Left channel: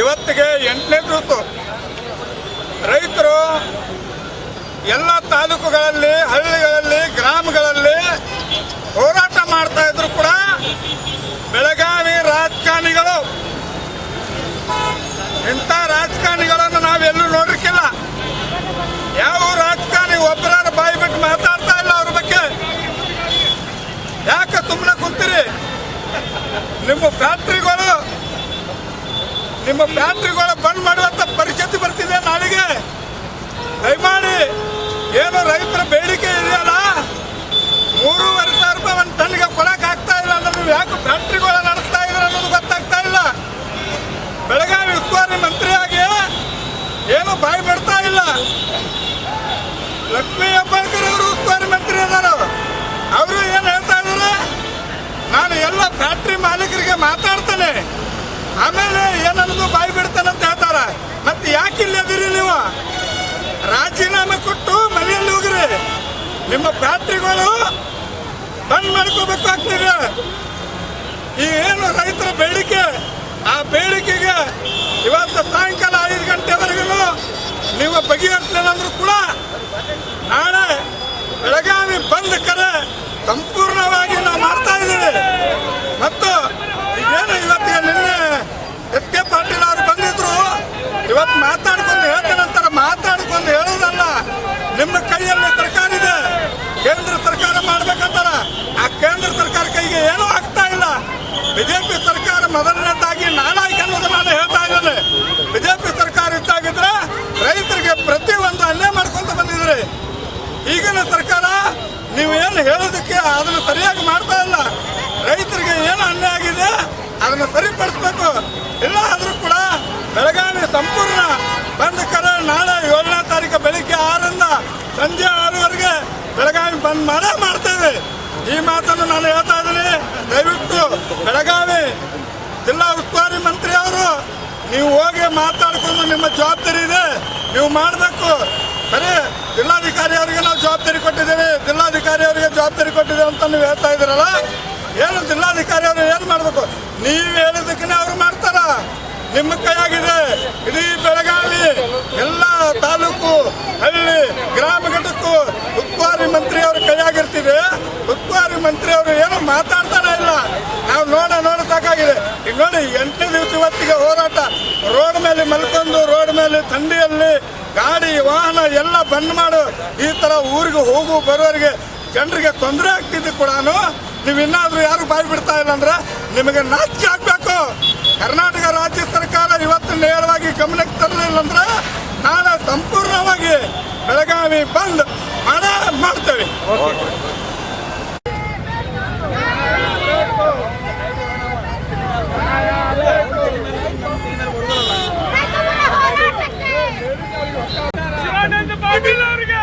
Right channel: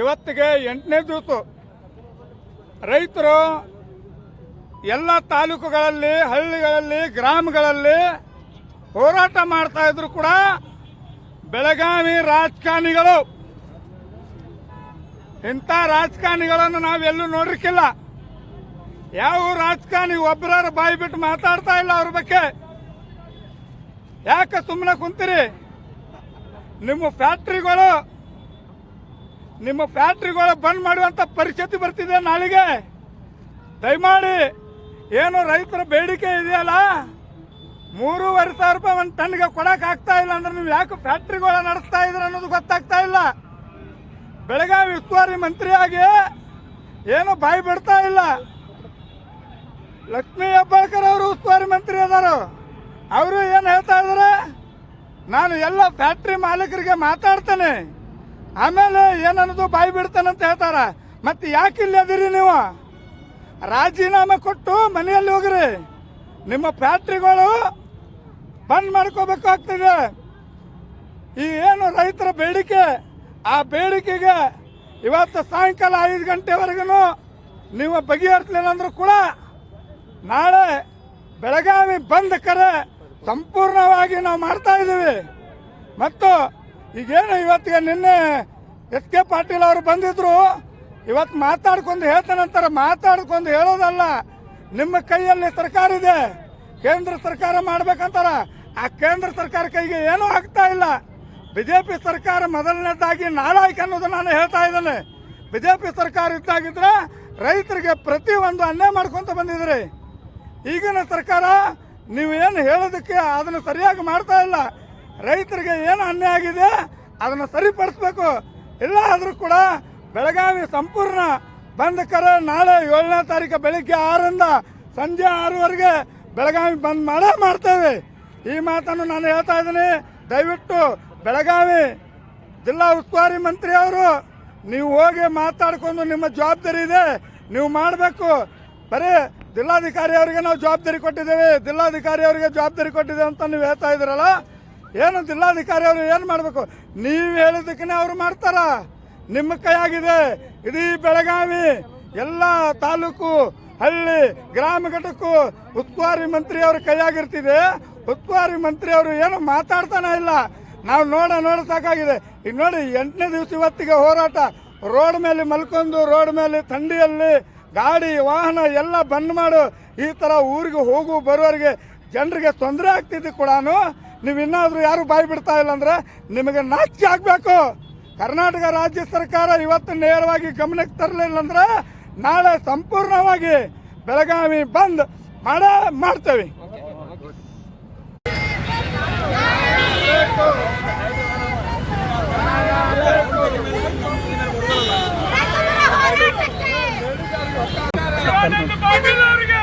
ಇವತ್ತಿಗೆ ಎಂಟನೇ ದಿವಸ. ರೈತರು ಎಲ್ಲ ತಾಲೂಕುಗಳಲ್ಲಿ, ಹಳ್ಳಿಗಳಲ್ಲಿ, ಗ್ರಾಮಗಳಲ್ಲಿ ಹೋರಾಟ ಮಾಡ್ತಾ ಇದ್ರು ಕೂಡ ಬೆಳಗಾವಿ ರಾಜಕಾರಣಿಗಳು. ಇಂಥ ರಾಜಕಾರಣಿಗಳನ್ನು ನಾವೆಲ್ಲೂ ನೋಡಿರ್ಕಿಲ್ಲ ಯಾವ ರಾಜಕಾರಣಿ ಒಬ್ಬರ ಬಾಯಿ ಬಿಟ್ಟು ಮಾತಾಡ್ತಾ ಇಲ್ಲ ಅವ್ರ ಬಗ್ಗೆ? ಯಾಕೆ ಸುಮ್ಮನೆ ಕುಂತೀರಿ? ನಿಮ್ಮ ಫ್ಯಾಕ್ಟ್ರಿಗಳು ನಿಮ್ಮ ಫ್ಯಾಕ್ಟ್ರಿಗಳು ಬಂದ್ ಮಾಡುವಂತ ಪರಿಸ್ಥಿತಿ ಬರ್ತಿದೆ ನಾಳೆಗೆ. ದಯಮಾಡಿ, ಏನು ರೈತರ ಬೇಡಿಕೆ ಇದೆಯಲ್ಲ? ಮೂರುವರೆ ಸಾವಿರ ರೂಪಾಯಿ ಒಂದು ಟನ್ಗೆ ಕೊಡಕ್ ಆಗ್ತಾ ಇಲ್ಲ ಅಂದ್ರೆ ನೀವು ಯಾಕೆ ಫ್ಯಾಕ್ಟ್ರಿಗಳು ನಡೆಸ್ತಾ ಇದ್ರ ಅನ್ನೋದು ಗೊತ್ತಾಗ್ತಾ ಇಲ್ಲ. ಬೆಳಗಾವಿ ಉಸ್ತುವಾರಿ ಮಂತ್ರಿಯಾಗಿ ಏನು ಬಾಯಿ ಬಿಡ್ತಾ ಇಲ್ಲ. ಲಕ್ಷ್ಮೀ ಹೆಬ್ಬಾಳ್ಕರ್ ಅವರು ಉಸ್ತುವಾರಿ ಮಂತ್ರಿ ಅದಾರ ಅವರು ಏನು ಹೇಳ್ತಾ ಇದ್ರು? ನಾನು ಎಲ್ಲ ಫ್ಯಾಕ್ಟ್ರಿ ಮಾಲೀಕರಿಗೆ ಮಾತಾಡ್ತೇನೆ. ಆಮೇಲೆ ಏನನ್ನೋದು ಬಾಯಿ ಬಿಡ್ತಾನಂತ ಹೇಳ್ತಾರ. ಮತ್ತೆ ಯಾಕೆ ಇಲ್ಲಿ ಅದಿರಿ ನೀವು? ರಾಜೀನಾಮೆ ಕೊಟ್ಟು ಮನೆಯಲ್ಲಿ ಹೋಗ್ರಿ. ನಿಮ್ಮ ಫ್ಯಾಕ್ಟ್ರಿಗಳು ಬಂದ್ ಮಾಡ್ಕೋಬೇಕು ಆಗ್ತಿದೆ. ಈ ಏನು ರೈತರ ಬೇಡಿಕೆ, ಆ ಬೇಡಿಕೆಗೆ ಇವತ್ತು ಸಾಯಂಕಾಲ ಐದು ಗಂಟೆವರೆಗೂ ನೀವು ಬಗೆಹರಿಸಲಿಲ್ಲ ಕೂಡ ನಾಳೆ ಬೆಳಗಾವಿ ಬಂದ್ ಕರೆ ಸಂಪೂರ್ಣವಾಗಿ ನಾವು ಮಾಡ್ತಾ ಇದ್ದೀವಿ. ಮತ್ತು ಏನು ಇವತ್ತಿಗೆ ನಿನ್ನೆ ಎಸ್ ಕೆ ಪಾಟೀಲ್ ಅವರು ಬಂದಿದ್ರು? ಇವತ್ತು ಮಾತಾಡ್ಕೊಂಡು ಹೇಳ್ತಾನಂತಾರೆ ಮಾತಾಡ್ಕೊಂಡು ಹೇಳೋದಲ್ಲ. ನಿಮ್ಮ ಕೈಯಲ್ಲಿ ಸರ್ಕಾರ ಇದೆ. ಕೇಂದ್ರ ಸರ್ಕಾರ ಮಾಡ್ಬೇಕಂತಾರ. ಆ ಕೇಂದ್ರ ಸರ್ಕಾರ ಕೈಗೆ ಏನೂ ಆಗ್ತಾ ಇಲ್ಲ. ಬಿಜೆಪಿ ಸರ್ಕಾರ ಮೊದಲನೇದಾಗಿ ನಾಲಾಯ್ಕ ಅನ್ನೋದು ನಾನು ಹೇಳ್ತಾ ಇದ್ದೇನೆ. ಬಿಜೆಪಿ ಸರ್ಕಾರ ಇದ್ದಾಗಿದ್ರೆ ರೈತರಿಗೆ ಪ್ರತಿ ಒಂದು ಅನ್ಯಾಯ ಮಾಡ್ಕೊಂತ ಬಂದಿದ್ರಿ. ಈಗಿನ ಸರ್ಕಾರ ನೀವು ಏನು ಹೇಳೋದಕ್ಕೆ ಅದನ್ನು ಸರಿಯಾಗಿ ಮಾಡ್ತಾ ಇಲ್ಲ. ರೈತರಿಗೆ ಏನು ಅನ್ಯಾಯ ಆಗಿದೆ? ಅದನ್ನು ಸರಿಪಡಿಸ್ಬೇಕು. ಇಲ್ಲ ಆದರೂ ಕೂಡ ಬೆಳಗಾವಿ ಸಂಪೂರ್ಣ ಬಂದ್ ಕರೆ ನಾಳೆ ಏಳನೇ ತಾರೀಕು ಬೆಳಿಗ್ಗೆ ಆರರಿಂದ ಸಂಜೆ ಆರೂವರೆಗೆ ಬೆಳಗಾವಿ ಬಂದ್ ಮಾಡೇ ಮಾಡ್ತೇವೆ. ಈ ಮಾತನ್ನು ನಾನು ಹೇಳ್ತಾ ಇದ್ದೀನಿ. ದಯವಿಟ್ಟು ಬೆಳಗಾವಿ ಜಿಲ್ಲಾ ಉಸ್ತುವಾರಿ ಮಂತ್ರಿಯವರು ನೀವು ಹೋಗಿ ಮಾತಾಡ್ಕೊಂಡು ನಿಮ್ಮ ಜವಾಬ್ದಾರಿ ಇದೆ. ನೀವು ಮಾಡಬೇಕು. ಬರೀ ಜಿಲ್ಲಾಧಿಕಾರಿ ಅವರಿಗೆ ನಾವು ಜವಾಬ್ದಾರಿ ಕೊಟ್ಟಿದ್ದೇವೆ. ಜಿಲ್ಲಾಧಿಕಾರಿ ಅವರಿಗೆ ಜವಾಬ್ದಾರಿ ಕೊಟ್ಟಿದ್ದೀವಿ ಅಂತ ನೀವು ಹೇಳ್ತಾ ಇದ್ದೀರಲ್ಲ? ಏನು ಜಿಲ್ಲಾಧಿಕಾರಿ ಅವರು ಏನು ಮಾಡಬೇಕು? ನೀವು ಹೇಳಿದಕ್ಕೆ ಅವ್ರು ಮಾಡ್ತಾರ? ನಿಮ್ಮ ಕೈಯಾಗಿದೆ. ಇಡೀ ಬೆಳಗಾವಿ, ಎಲ್ಲ ತಾಲೂಕು, ಹಳ್ಳಿ, ಗ್ರಾಮ ಘಟಕ್ಕೂ ಉಸ್ತುವಾರಿ ಮಂತ್ರಿ ಅವರು ಕೈಯಾಗಿರ್ತಿದೆ. ಉಸ್ತುವಾರಿ ಮಂತ್ರಿ ಅವರು ಏನು ಮಾತಾಡ್ತಾನೆ ಇಲ್ಲ. ನಾವು ನೋಡ ನೋಡಬೇಕಾಗಿದೆ ಈಗ ನೋಡಿ, ಎಂಟನೇ ದಿವಸ ಇವತ್ತಿಗೆ ಹೋರಾಟ. ರೋಡ್ ಮೇಲೆ ಮಲ್ಕೊಂಡು, ರೋಡ್ ಮೇಲೆ ಥಂಡಿಯಲ್ಲಿ ಗಾಡಿ, ವಾಹನ ಎಲ್ಲ ಬಂದ್ ಮಾಡು. ಈ ತರ ಊರಿಗೆ ಹೋಗು ಬರೋರಿಗೆ ಜನರಿಗೆ ತೊಂದರೆ ಆಗ್ತಿದ್ದು ಕೂಡ ನೀವು ಇನ್ನಾದರೂ ಯಾರು ಬಾಯಿ ಬಿಡ್ತಾ ಇಲ್ಲ ಅಂದ್ರೆ ನಿಮಗೆ ನಾಚಿಕೆ ಆಗ್ಬೇಕು. ಕರ್ನಾಟಕ ರಾಜ್ಯ ಸರ್ಕಾರ ಇವತ್ತು ನೇರವಾಗಿ ಗಮನಕ್ಕೆ ತರಲಿಲ್ಲ ಅಂದ್ರೆ ನಾಳೆ ಸಂಪೂರ್ಣವಾಗಿ ಬೆಳಗಾವಿ ಬಂದ್ ಮಾಡ ಮಾಡ್ತೇವೆ. ಅವರಿಗೆ